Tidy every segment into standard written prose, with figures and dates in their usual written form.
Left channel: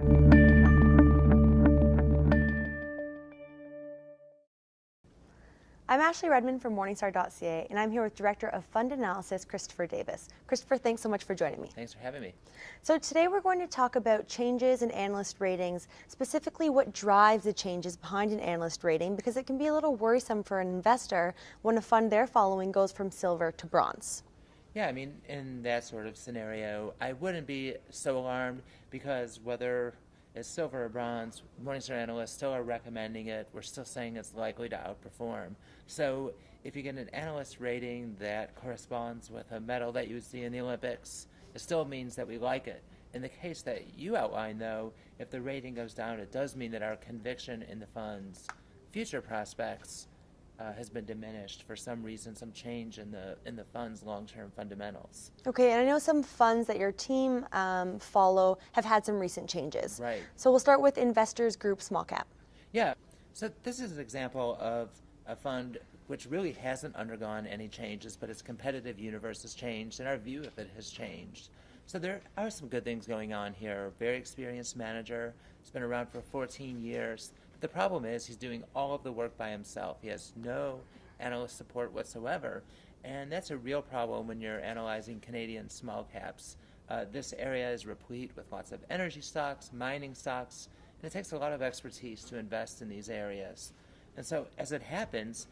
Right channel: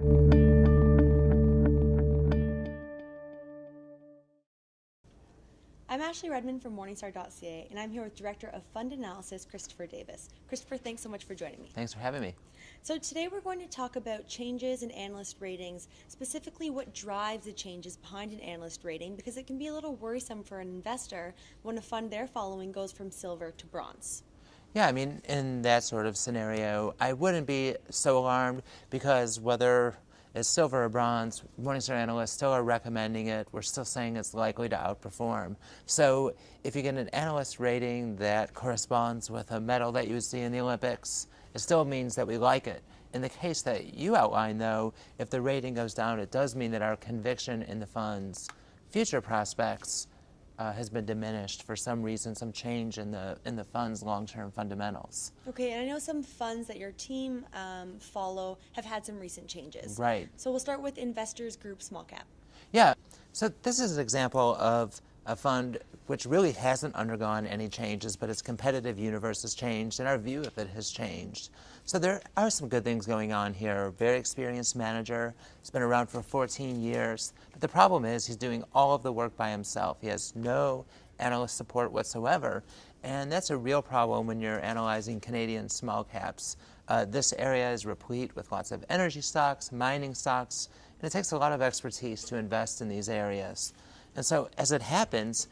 I'm Ashley Redmond from Morningstar.ca, and I'm here with Director of Fund Analysis, Christopher Davis. Christopher, thanks so much for joining me. Thanks for having me. So today we're going to talk about changes in analyst ratings, specifically what drives the changes behind an analyst rating, because it can be a little worrisome for an investor when a fund they're following goes from silver to bronze. Yeah, I mean, in that sort of scenario, I wouldn't be so alarmed because whether it's silver or bronze, Morningstar analysts still are recommending it. We're still saying it's likely to outperform. So if you get an analyst rating that corresponds with a medal that you would see in the Olympics, it still means that we like it. In the case that you outlined, though, if the rating goes down, it does mean that our conviction in the fund's future prospects has been diminished for some reason, some change in the fund's long-term fundamentals. Okay, and I know some funds that your team follow have had some recent changes. Right. So we'll start with Investors Group Small Cap. Yeah, so this is an example of a fund which really hasn't undergone any changes, but its competitive universe has changed and our view of it has changed. So there are some good things going on here. Very experienced manager. He's been around for 14 years. But the problem is he's doing all of the work by himself. He has no analyst support whatsoever. And that's a real problem when you're analyzing Canadian small caps. This area is replete with lots of energy stocks, mining stocks, and it takes a lot of expertise to invest in these areas. And so as it happens,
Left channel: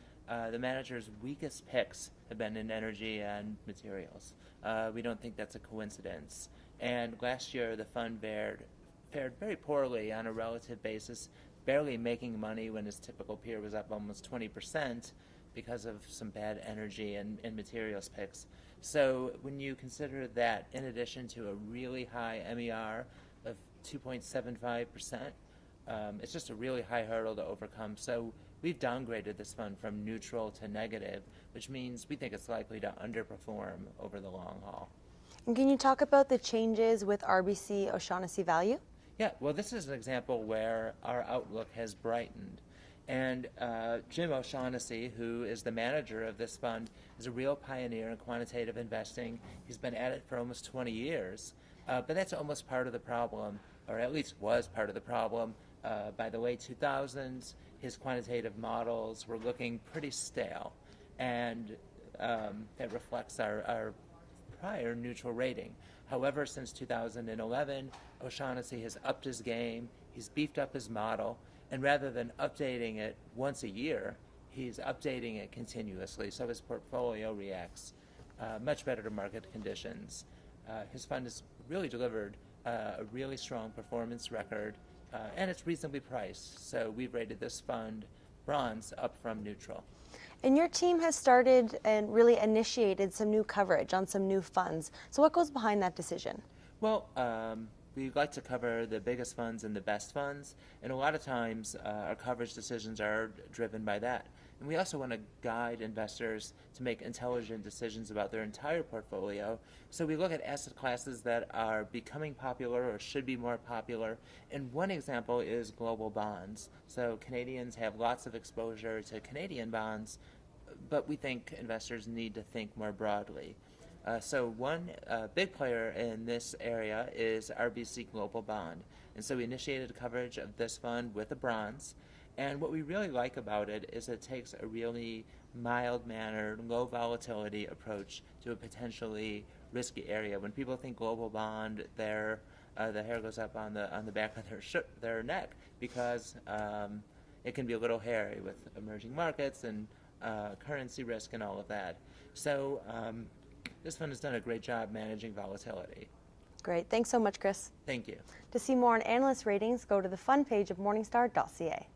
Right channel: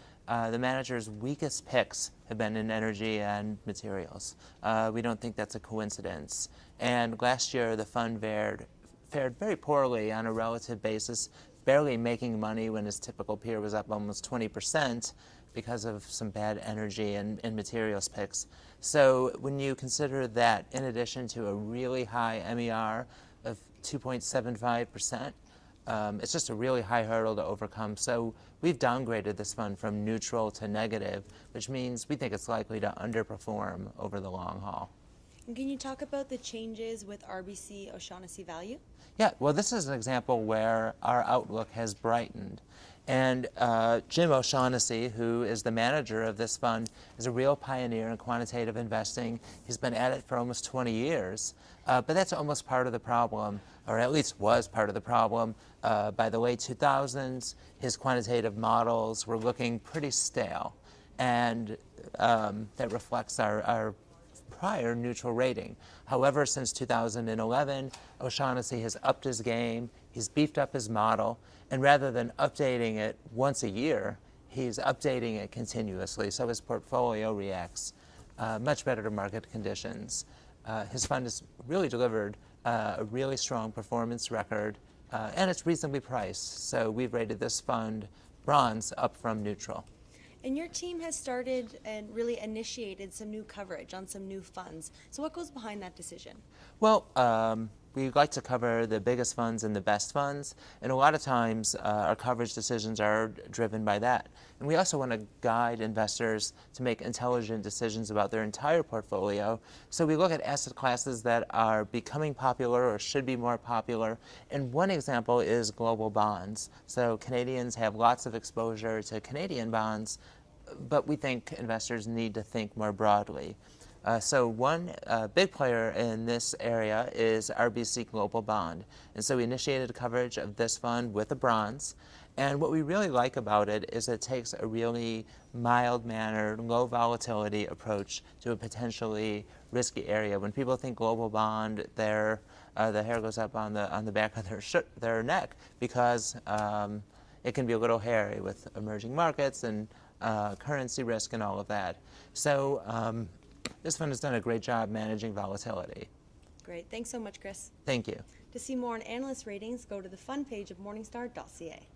the manager's weakest picks have been in energy and materials. We don't think that's a coincidence. And last year, the fund fared very poorly on a relative basis, barely making money when his typical peer was up almost 20% because of some bad energy and materials picks. So when you consider that, in addition to a really high MER of 2.75%, it's just a really high hurdle to overcome. So we've downgraded this fund from neutral to negative, which means we think it's likely to underperform over the long haul. And can you talk about the changes with RBC O'Shaughnessy Value? Yeah, well, this is an example where our outlook has brightened. And Jim O'Shaughnessy, who is the manager of this fund, is a real pioneer in quantitative investing. He's been at it for almost 20 years. But that's almost part of the problem, or at least was part of the problem. By the late 2000s, his quantitative models were looking pretty stale. And that reflects our prior neutral rating. However, since 2011, O'Shaughnessy has upped his game, he's beefed up his model, and rather than updating it once a year, he's updating it continuously, so his portfolio reacts much better to market conditions. His fund has really delivered a really strong performance record, and it's reasonably priced, so we've rated this fund bronze up from neutral. And your team has started and really initiated some new coverage on some new funds. So what goes behind that decision? Well, we like to cover the biggest funds and the best funds, and a lot of times our coverage decisions are driven by that. And we also want to guide investors to make intelligent decisions about their entire portfolio. So we look at asset classes that are becoming popular or should be more popular. And one example is global bonds. So Canadians have lots of exposure to Canadian bonds, but we think investors need to think more broadly. So one big player in this area is RBC Global Bond. And so we initiated coverage of this fund with a bronze. And what we really like about it is it takes a really mild-mannered, low-volatility approach to a potentially risky area. When people think global bond, the hair goes up on the back of their neck because it can be a little hairy with emerging markets and currency risk and all of that. So this fund has done a great job managing volatility. Great. Thanks so much, Chris. Thank you. To see more on analyst ratings, go to the fund page of Morningstar.ca.